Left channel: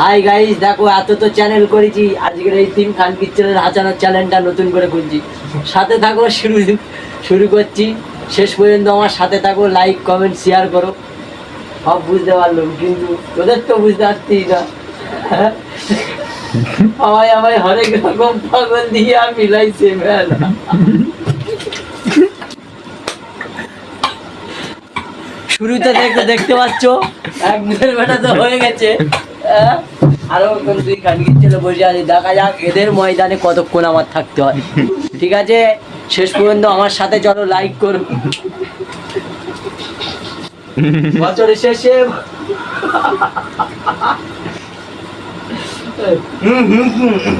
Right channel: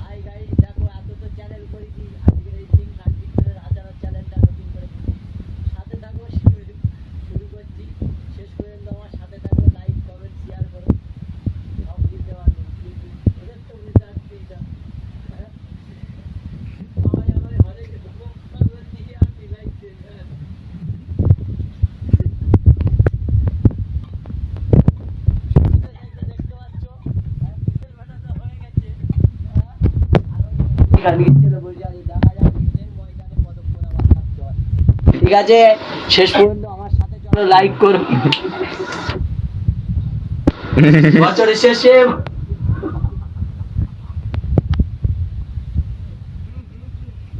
Hi guys, দেখো এত তো চ্যানেল করেছি, আজকের এই তিন খান পিকচারের হাঁচানোর চ্যানেলটা নতুন করে খুলছি। সাথে থাকো, শুরু করছি। শেষ পর্যন্ত আমার সাথে থাকো, লাইক কমেন্ট শেয়ার করো। সব বুঝতে পারলাম, কিন্তু তোদের তো বুঝতে পারছিস না। সবাই আমায় হরেক রকম পাগল দিয়ে মিলাইছে মেলা। শুরুতে দেখতে পাচ্ছ এক দুয়ের বেটা তো হয়ে গেছে। আরো দুই খানগির ছেলে বসে আছে, দেখা যাক এদের ময়দানে কতক্ষণ আমার থাকতে হয়। ঠিক আছে, শেষ পর্যন্ত আমার সাথে চলো, লাইক করো। বছরের শেষে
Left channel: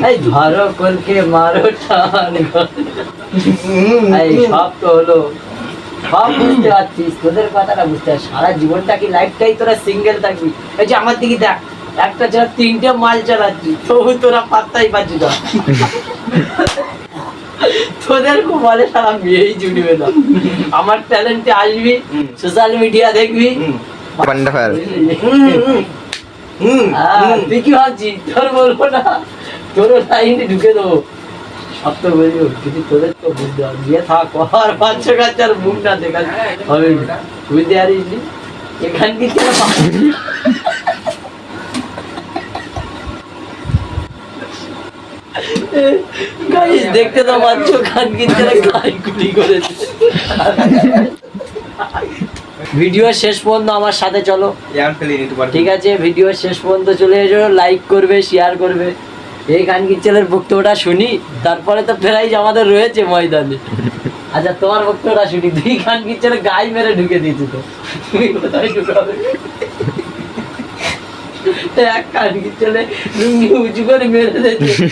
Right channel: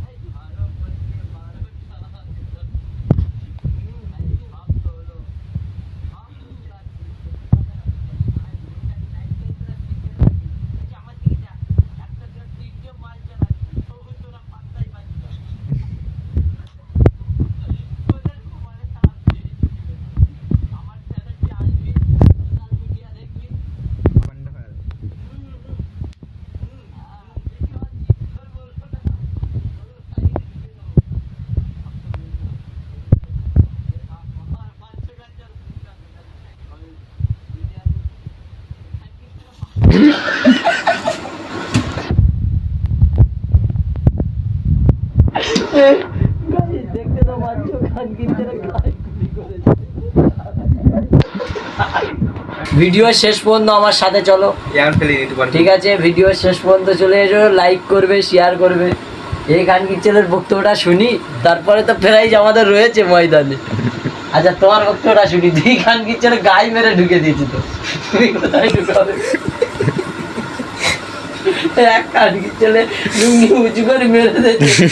এই ধরো কলকে মারো টান, এই সব তো হলো, সব বুঝতে পারছিস, তোদের কথাটা বুঝতে পারছিস। সারা জীবনটা কি লাইফটাই তোরা সিঙ্গেল থাকবি? এই যে আমার দিকে দেখ, একটা ছাড়া তিনটে মাল চালাচ্ছি, তবু তোরা পাত্তাই পাচ্ছি না। তোদের খুব বলে সারা বিয়েই জুড়বে না। আমার ট্যালেন্টে আসবি, সোশ্যাল মিডিয়া দেখবি, তুই কি ভাবছিস তোর বলবো না? তোর লাইনে ঢুকে দেবো, সব তো বলবো, কিন্তু তোদের তো বুঝতে হবে। বিয়ে থাক আর বাচ্চা কাচ্চার মুখ না দেখা হবে, বুঝতে পারিস? এখান কি দেখতে তো পাচ্ছ খান কিনতে গুলি করেছে। ভিডিও শেষ পর্যন্ত আমার সাথে চলো, ঠিক আছে? ভিডিও শেষ পর্যন্ত চলে এসো, লাইক করবে, শেয়ার করবে। এই খান কিচ্ছেলের বক্তব্যটা শুনি, তারপরে তো প্রাইজ আমাদের রয়েছে ময়দানে। আচ্ছা, তোমার বক্তব্যটা শুনি। দুই খান কিচ্ছেলে গাই মেরে ঢুকে দিয়েছে, তো তুমি কোথায় ঢুকাবে? এক খান কিচ্ছেলে লুঙ্গি উঁচু করে মেরে দিয়েছে।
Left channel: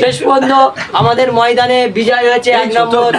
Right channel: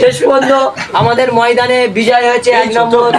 শেষ পর্যন্ত আমাদের ময়দানে বিজয় হয়েছে 1 নম্বর।